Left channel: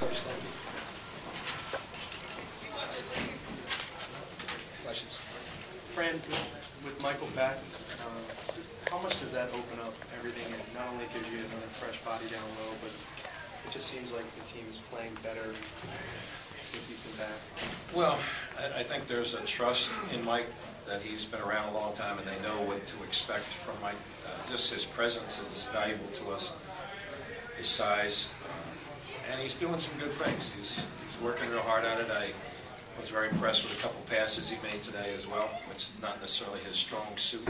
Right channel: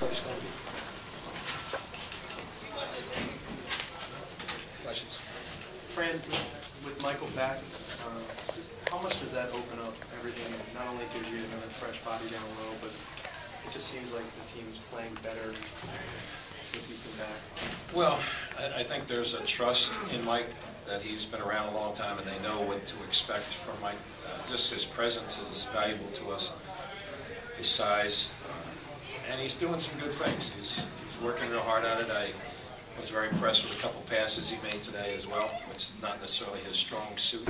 Coach Dunphy. Questions? Fran, with Michael back, how much does that open up everything? It not only gives you another fresh body down low, but it just seems like the team's playing better since he's been back. Well, I think there's a trust in Mike that he's been around a long time and they know what to expect from Mike. Just his presence is valuable to us, his size, and he's doing some good things. He's working real hard at it. I was very impressed with a couple passes he made today as well, which is not necessarily his strong suit,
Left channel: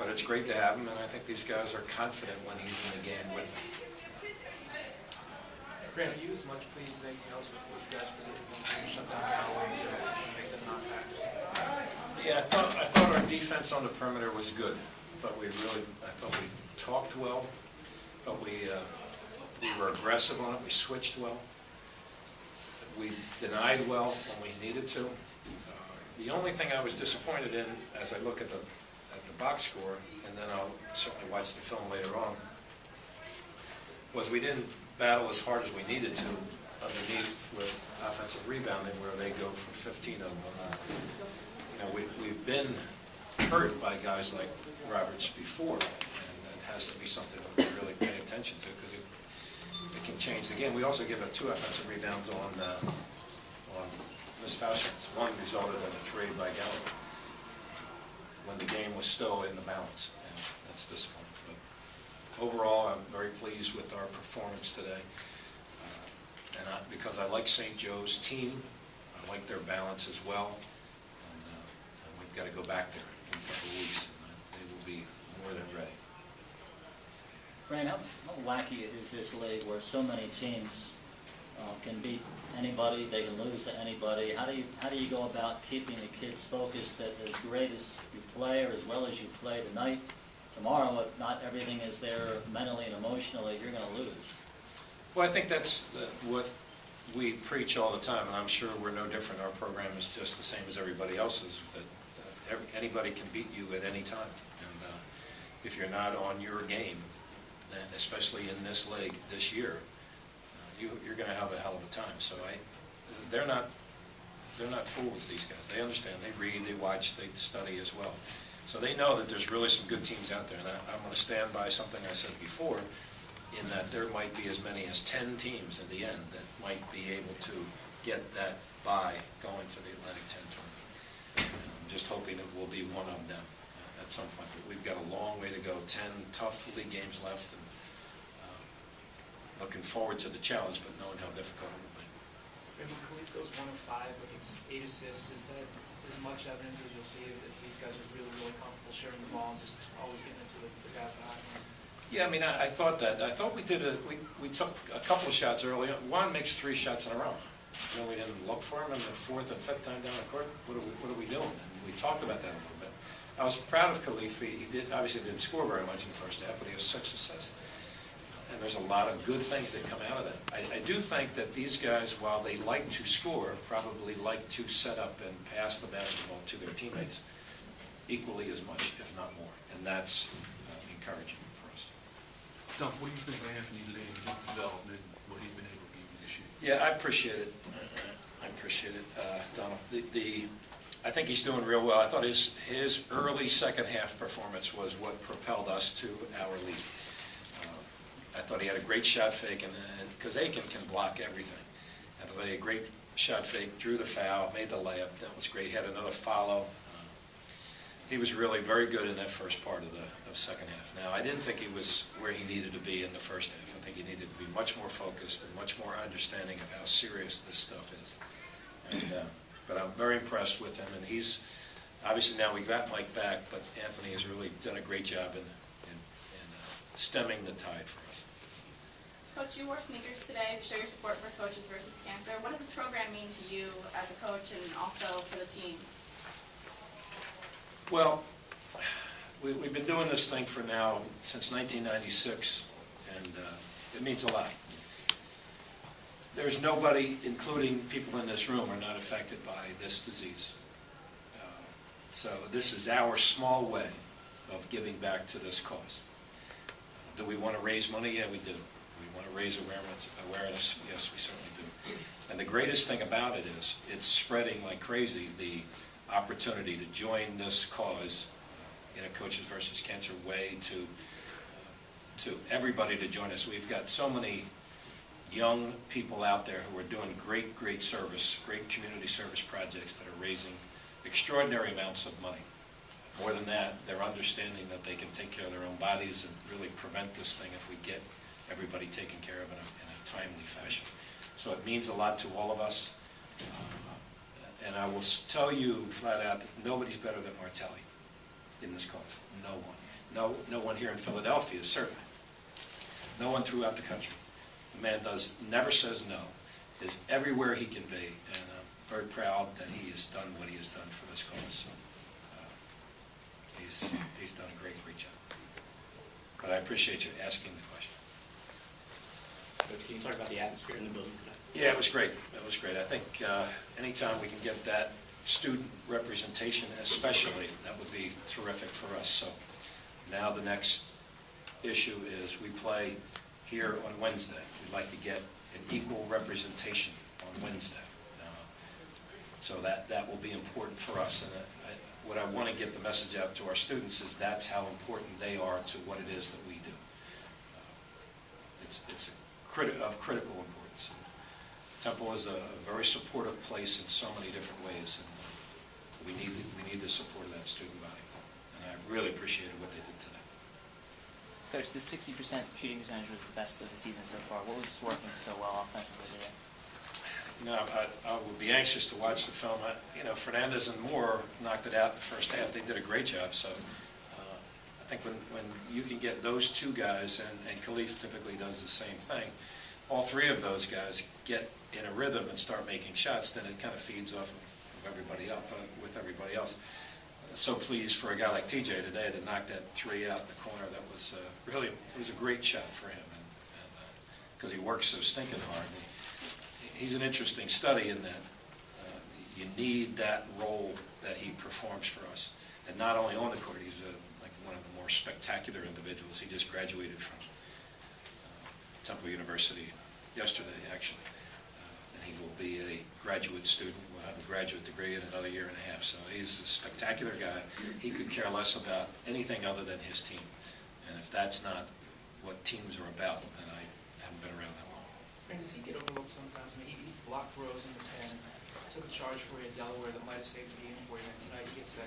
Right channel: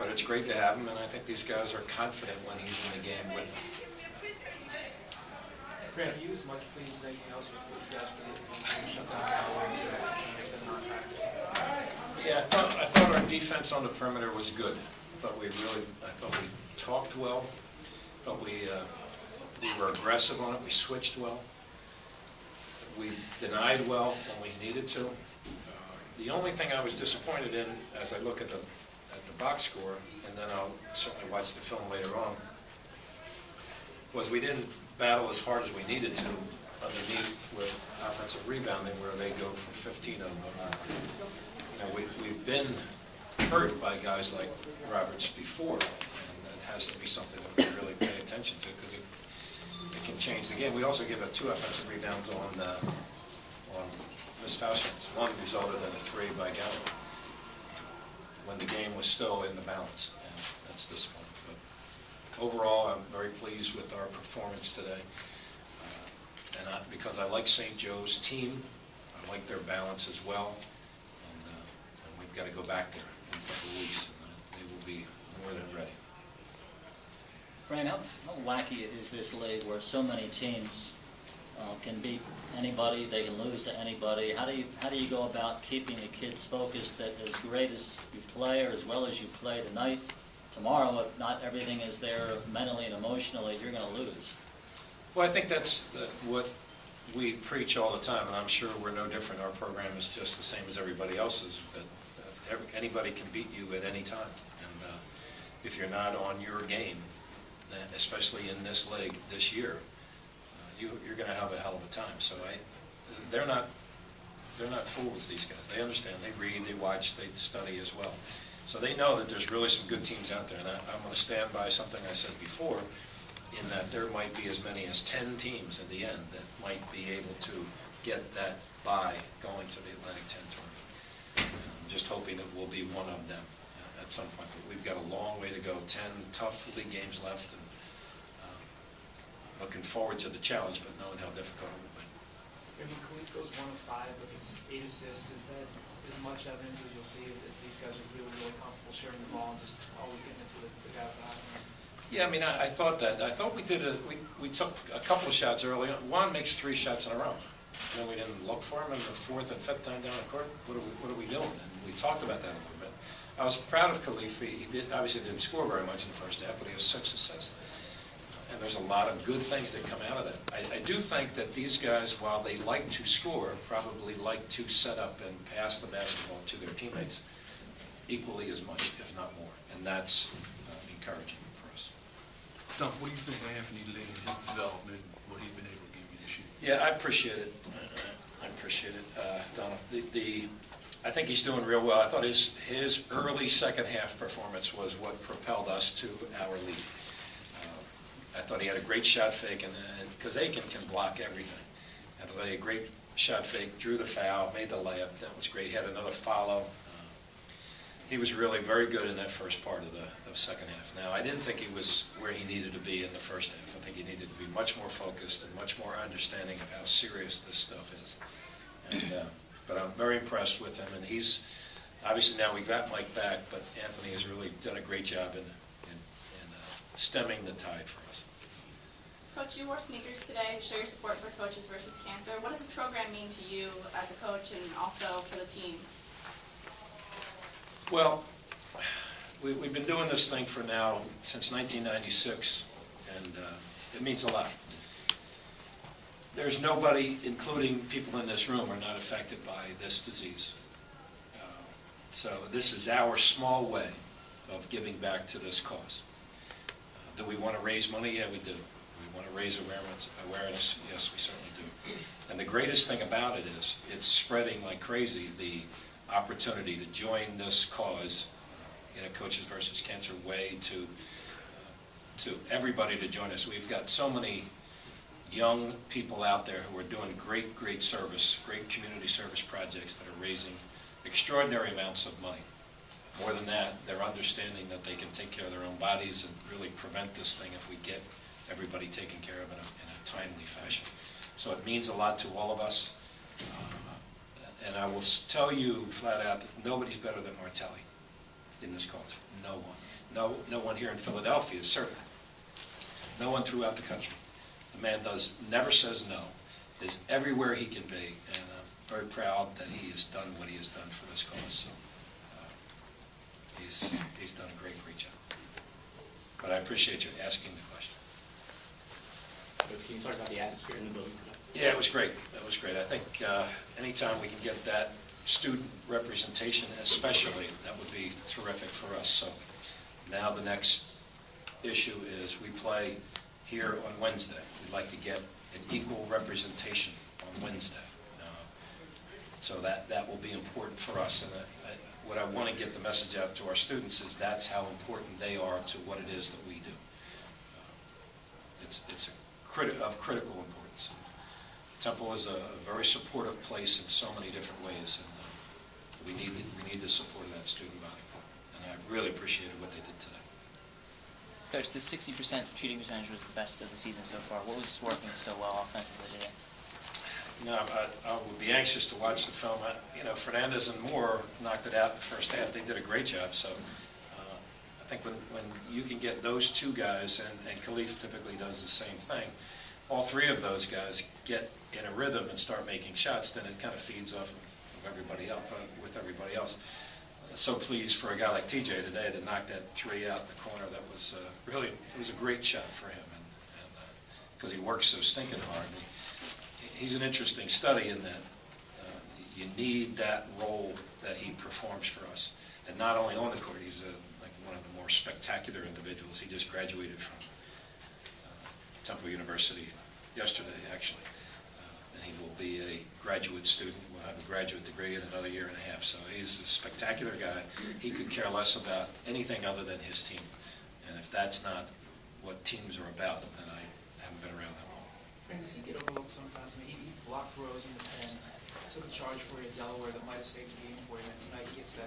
but it's great to have him, and I think these guys are confident when he's in the game with them. Fran, are you as much pleased as anything else with what you guys were doing to shut down Galloway and you guys to make them non-factors? Yeah, I thought our defense on the perimeter was good. I thought we talked well. I thought we were aggressive on it. We switched well. We denied well when we needed to. The only thing I was disappointed in, as I look at the box score, and then I'll certainly watch the film later on, was we didn't battle as hard as we needed to underneath with offensive rebounding, where they go for 15 of them. We've been hurt by guys like Roberts before, and that has to be something that we really pay attention to, because it can change the game. We also give up 2 offensive rebounds on missed foul shots. One resulted in a 3 by Galloway when the game was still in the balance, and that's disappointing. But overall, I'm very pleased with our performance today, because I like St. Joe's team. I like their balance as well, and we've got to go back there in a couple of weeks, and they will be more than ready. Fran, how wacky is this league where so many teams can beat anybody, they can lose to anybody? How do you go about keeping the kids focused that as great as you play, or as well as you play tonight, tomorrow, if not everything is there mentally and emotionally, you're going to lose? Well, I think that's what we preach all the time, and I'm sure we're no different. Our program is just the same as everybody else's, but anybody can beat you at any time. And if you're not on your game, then especially in this league this year, you're going to have a hell of a time. So they're not fools, these guys. They understand. They read, they watch, they study as well. So they know that there's really some good teams out there. And I'm going to stand by something I said before, in that there might be as many as 10 teams in the end that might be able to get that bye going to the Atlantic 10 tournament. I'm just hoping it will be one of them at some point. But we've got a long way to go. 10 tough league games left, and looking forward to the challenge, but knowing how difficult it will be. When Khalif goes 1 of 5, like it's 8 assists, is that as much evidence as you'll see that these guys are really, really comfortable sharing the ball and just always getting it to the guy behind them? Yeah, I mean, I thought that. I thought we did we took a couple of shots early. Juan makes 3 shots in a row. Then we didn't look for him, and the 4th and 5th time down the court, what are we doing? And we talked about that a little bit. I was proud of Khalif. He obviously didn't score very much in the first half, but he has 6 assists. And there's a lot of good things that come out of that. I do think that these guys, while they like to score, probably like to set up and pass the basketball to their teammates equally as much, if not more. And that's encouraging for us. Tom, what do you think of Anthony Lee and his development, what he's been able to give you this year? Yeah, I appreciate it. I appreciate it, Donald. I think he's doing real well. I thought his early second half performance was what propelled us to our lead. I thought he had a great shot fake, and because Aiken can block everything. And I thought he had a great shot fake, drew the foul, made the layup. That was great. He had another follow. He was really very good in that first part of the second half. Now, I didn't think he was where he needed to be in the first half. I think he needed to be much more focused and much more understanding of how serious this stuff is. And, but I'm very impressed with him, and he's obviously now we got Mike back, but Anthony has really done a great job in stemming the tide for us. Coach, you wore sneakers today to show your support for Coaches versus Cancer. What does this program mean to you as a coach and also for the team? Well, we've been doing this thing for now since 1996, and it means a lot. There's nobody, including people in this room, are not affected by this disease. So this is our small way of giving back to this cause. Do we want to raise money? Yeah, we do. Do we want to raise awareness? Yes, we certainly do. greatest thing about it is it's spreading like crazy, the opportunity to join this cause in a Coaches versus Cancer way to everybody to join us. We've got so many young people out there who are doing great service, great community service projects that are raising extraordinary amounts of money. More than that, they're understanding that they can take care of their own bodies and really prevent this thing if we get everybody taken care of in a timely fashion. So it means a lot to all of us. And I will tell you flat out that nobody's better than Martelli in this cause. No one. No one here in Philadelphia, certainly. No one throughout the country. The man never says no, is everywhere he can be, and I'm very proud that he has done what he has done for this cause. So, he's done a great job. But I appreciate you asking the question. Coach, can you talk about the atmosphere in the building tonight? Yeah, it was great. It was great. I think anytime we can get that student representation especially, that would be terrific for us. So now the next issue is we play here on Wednesday. We'd like to get an equal representation on Wednesday. So that will be important for us. And what I want to get the message out to our students is that's how important they are to what it is that we do. It's of critical importance. Temple is a very supportive place in so many different ways, and we need the support of that student body. And I really appreciated what they did today. Coach, the 60% shooting percentage was the best of the season so far. What was working so well offensively today? You know, I would be anxious to watch the film. Fernandez and Moore knocked it out in the first half. They did a great job. So I think when you can get those two guys, and Khalif typically does the same thing, all three of those guys get in a rhythm and start making shots, then it kind of feeds off of everybody else, with everybody else. So pleased for a guy like TJ today to knock that three out in the corner. That was really, it was a great shot for him, and because he works so stinking hard. He's an interesting study in that you need that role that he performs for us. And not only on the court, he's like one of the more spectacular individuals. He just graduated from Temple University yesterday, actually. And he will be a graduate student, will have a graduate degree in another year and a half. So he's a spectacular guy. He could care less about anything other than his team. And if that's not what teams are about, then I haven't been around that long. Frank, does he get overlooked sometimes? I mean, he blocked throws in the pen, took a charge for you at Delaware that might have saved the game for you. And tonight he gets that,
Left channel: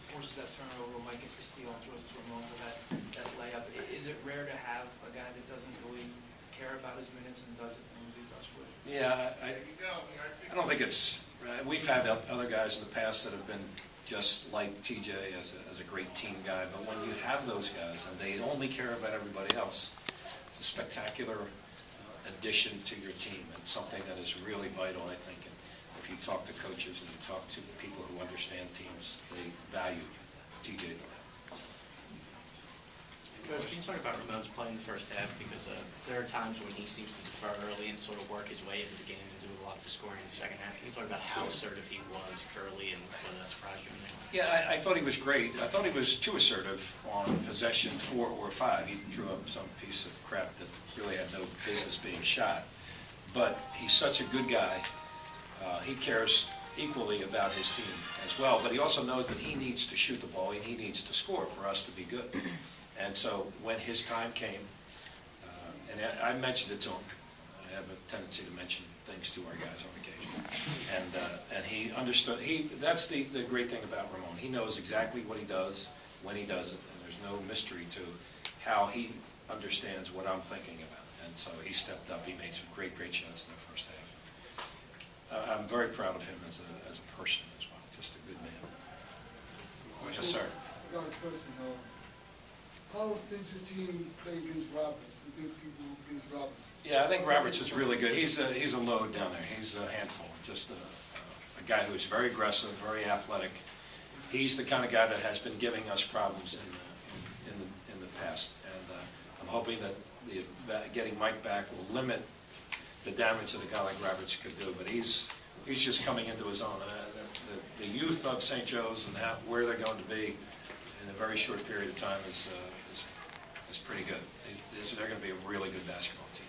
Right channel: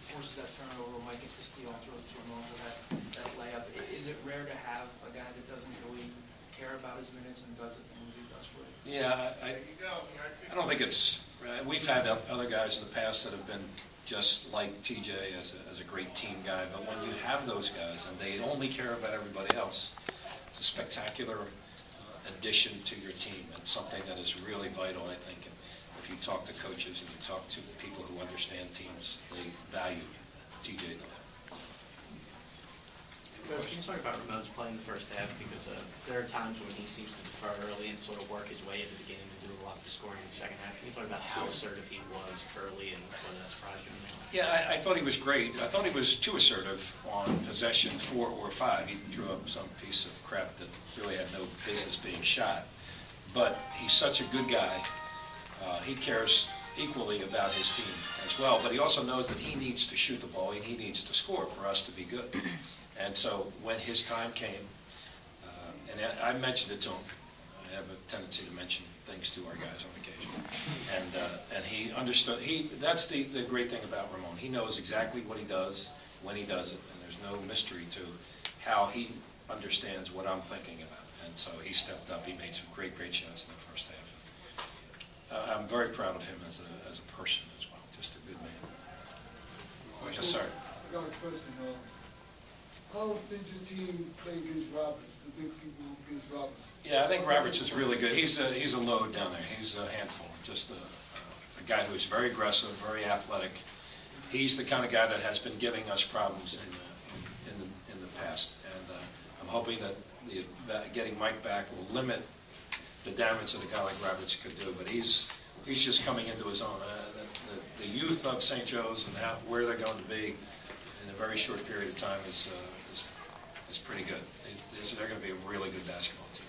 forces that turnover, Mike gets the steal and throws it to Ramon for that layup. Is it rare to have a guy that doesn't really care about his minutes and does the things he does for you? Yeah, I don't think it's, we've had other guys in the past that have been just like TJ as a great team guy, but when you have those guys and they only care about everybody else, it's a spectacular addition to your team and something that is really vital, I think. And if you talk to coaches and you talk to people who understand teams, they value TJ the Coach, can you talk about Ramon's play in the first half? Because there are times when he seems to defer early and sort of work his way at the beginning and do a lot of the scoring in the second half. Can you talk about how assertive he was early and whether that surprised you? Yeah, I thought he was great. I thought he was too assertive on possession 4 or 5. He threw up some piece of crap that really had no business being shot. But he's such a good guy. He cares equally about his team as well. But he also knows that he needs to shoot the ball and he needs to score for us to be good. And so when his time came, and I mentioned it to him, I have a tendency to mention things to our guys on occasion, and he understood. That's the great thing about Ramon. He knows exactly what he does, when he does it, and there's no mystery to how he understands what I'm thinking about. And so he stepped up. He made some great shots in the first half. I'm very proud of him as a person as well. Just a good man. Yes, sir. I got a question. How did your team play against Roberts, the big people against Roberts? Yeah, I think Roberts is really good. He's a load down there. He's a handful. Just a guy who's very aggressive, very athletic. He's the kind of guy that has been giving us problems in the past. And I'm hoping that getting Mike back will limit the damage that a guy like Roberts could do. But he's just coming into his own. The youth of St. Joe's and where they're going to be in a very short period of time is pretty good. They're going to be a really good basketball team.